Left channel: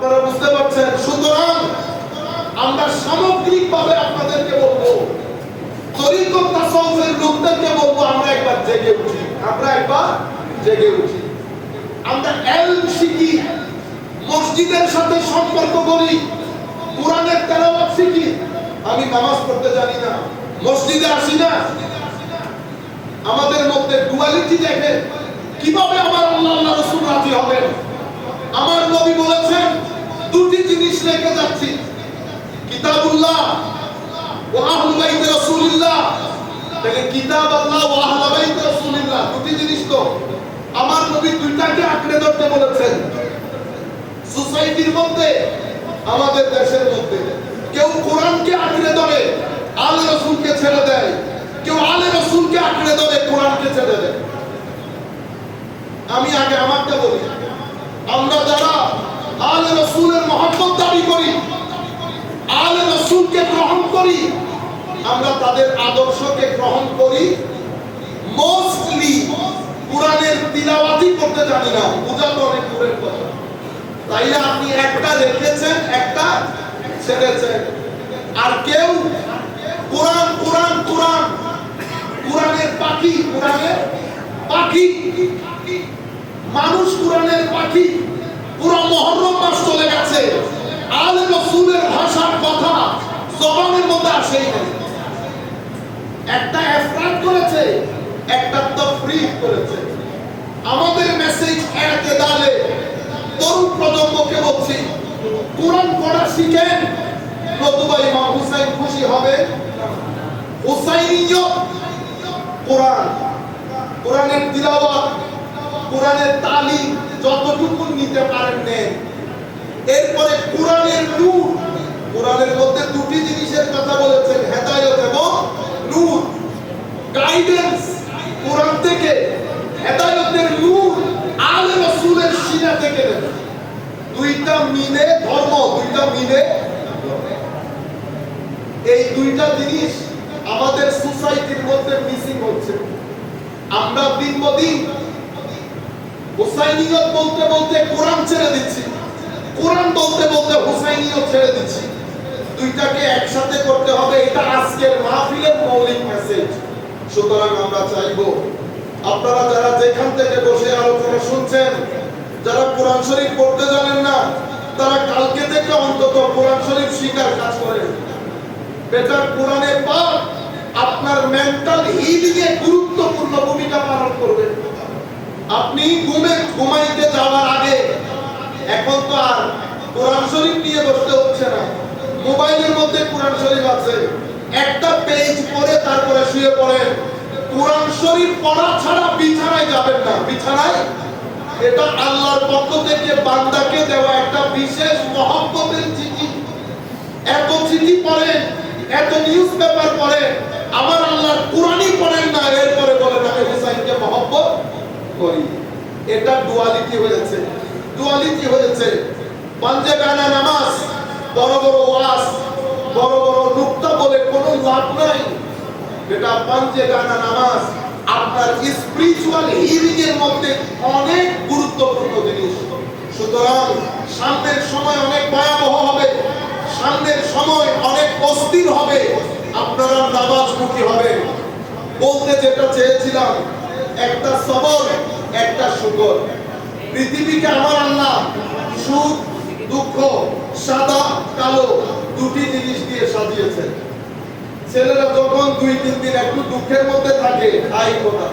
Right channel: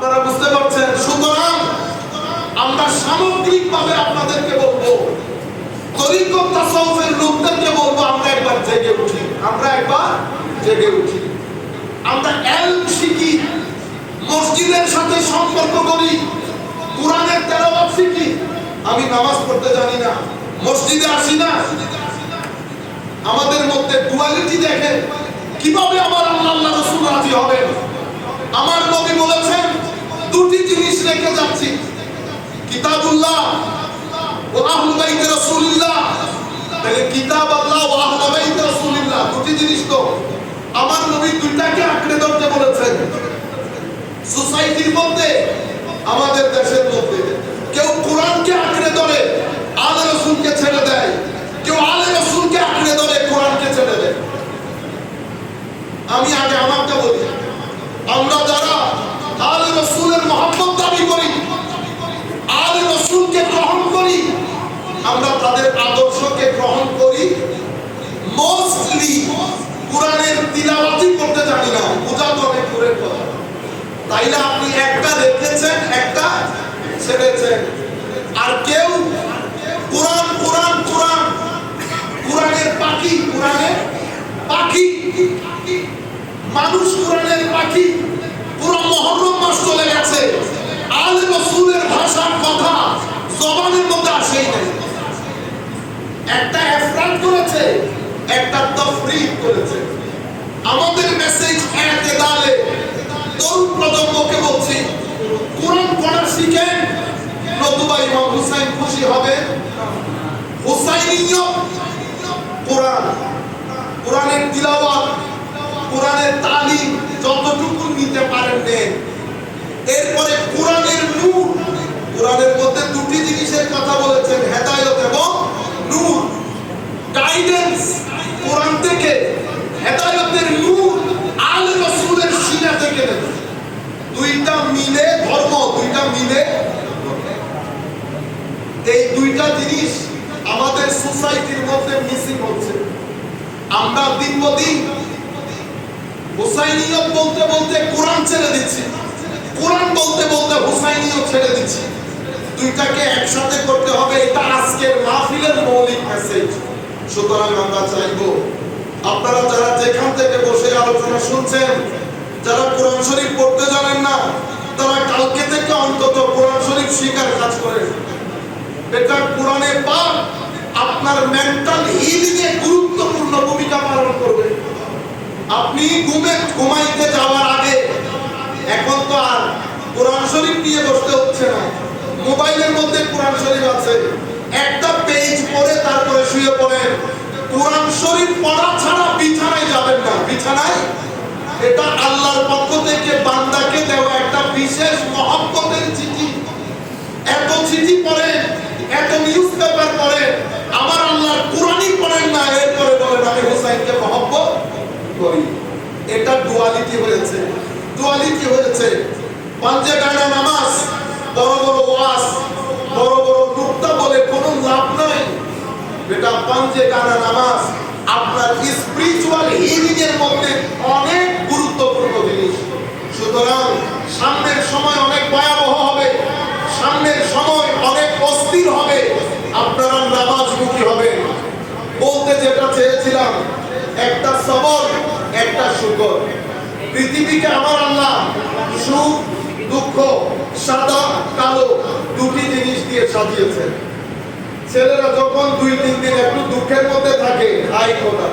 আপনারা বুঝতে পারছেন। সুতরাং আমরা সামগ্রিকভাবে আপনাদেরকে বলবো, তরিকত তাসাউফের লোকদেরকে বলবো, আমরা একবার জেগে উঠি, আমরা ইলম শিখি, মসজিদের সাথে সম্পর্ক করি, কোরআনের তেলাওয়াত শিখি। আমি নামাজ পড়তে জানি না, মসজিদে আসি না, আমাদের মধ্যে ডুয়ালিটি দেখে কিভাবে আমার আল্লাহ রাসূল রাজি হবেন। আমার নবী বলেছেন দুটি জিনিস রেখে যাচ্ছি, কিতাবুল্লাহ ওয়া আহলু বাইত রাসূলুল্লাহ। দেখেন, কিতাব আল্লাহ ওয়া আহলু বাইত রাসূলুল্লাহ, দুটি জিনিস তো আমার নবী দুইটাকে আঁকড়ে ধরতে বলেছেন। সোসাইটির মধ্যে, আমাদের দেশের মধ্যে কেউ কোরআনকে আঁকড়ে ধরে আলে রাসূলকে ছেড়ে দেয়, কেউ আলে রাসূলকে আঁকড়ে ধরে কোরআনকে ছেড়ে দেয়। আমি আগে আমারটা বলি, আমরা যারা আলে রাসূলের মহব্বত দাবি করি, আলে রাসূলকে গ্রহণ করি, আমরা তাদের আদর্শকে গ্রহণ করি, মোস্টলি কোরআনের তিলাওয়াতই করতে জানি না, বোঝা তো অনেক দূরের কথা। তাইলে আপনি একটা দেখেছেন, একটা ছেড়েছেন। আর কেউ কোরআন কোরআন কোরআন, কোরআনের পাখি, কোরআনের পাখি, মানুষ কোরআনের পাখি। পুরো মুহররম মাস চলে গেছে, আলে রাসূলের ভাষার কথা জবানের মধ্যে আসেই নাই। একটা ইফরাদ করেছে, একটা তাফরীদ করেছে। আমাদের মেসেজ এতেদালে তরুণ প্রজন্মকে বলছি, কোরআন পড়া শিখেন, নতুবা ইমাম হুসাইন খুশি হবে। হুসাইনিয়ত কোরআন, কোরআনের তিলাওয়াত, কোরআনের তালিম যতটুকু নিতে পারেন নেন। এরপরে কোরআনের নূর, কোরআনের মধ্যে দুটি জিনিসের কথা বলেছেন, হেদায়েত এবং নূর। গাইডেন্স কোরআন থেকে, হেদায়েতের নূর আলে রাসূলের সিনা থেকে দেন। দুইটা মিলে ধর্ম, দুইটা মিলে। এই দুইটা জিনিস আমাদের সোসাইটির মধ্যে মিসিং হচ্ছে। আমরা দিন দিন হুসাইনিয়ত বলতে বলতে কোরআন ছেড়ে দিচ্ছি, কোরআন বলতে বলতে হুসাইনিয়ত ছেড়ে দিচ্ছি। দুইটাকে একসাথে করতে হবে, এটা আজকের মাহফিলের মৌলিক মেসেজ। সুতরাং আমরা চাইবো আপনারা যারা যেখান থেকে বসে আলোচনা শুনছেন, যারা কোরআন শরীফ পড়তে জানেন না, তারা কালকে থেকে অন্তত কোরআন শরীফ শিখার কাজ করেন। এটা কোরআনে পাক আপনার মেন্টাল হিলিং এ গুরুত্বপূর্ণ ভূমিকা পালন করবে। আপনি ঘুমাইতে যাওয়ার আগে, এখন তো আর কোরআন শরীফ নিয়ে বসতে হচ্ছে না, মোবাইলের মধ্যে কোরআন শরীফ আছে, একটা পেজ পড়ে তারপরে শুয়ে পড়েন। কোরআন শরীফ পড়া ছাড়া বিছানায় যাবেন না, বিছানায়। এটা আল্লাহর পক্ষ থেকে বান্দাকে দেওয়া একটা বিশেষ মহব্বতের চিঠি। এত চিঠি পড়েন, এত নিউজ পেপার পড়েন, আমার আল্লাহর কোরআনই পড়েন না, এরপরে বলেন আমি হুসাইনকে মহব্বত করি। এটা ডুয়ালিটি হয়েছে, ডুয়ালিটি হয়েছে। পাঞ্জে গানা নামাজ, বড় বড় ওয়াজ, বড় বড় নুকতা বলে কোনো লাভ নাই। এটা পাঞ্জে গানা নামাজ আপনার স্পিরিচুয়াল হিলিং এর মধ্যে অনেক গুরুত্বপূর্ণ জিনিস। সুতরাং সামনের সময় অনেক ভয়াবহ হবে, সামনের সময় অনেক অস্থির হবে, আপনারা নামাজমুখী হবেন। বলতে যেটা চেয়েছিলাম, একটা সবর, একটা শুকর। পৃথিবীকে আমার আল্লাহ সুখ দুঃখ, সাদা কালো দুটি জিনিস দিয়ে সাজিয়েছেন। ছেলেরা যখন 2-3 দিন একটু দুঃখের মধ্যে থাকে, খায় খোদা,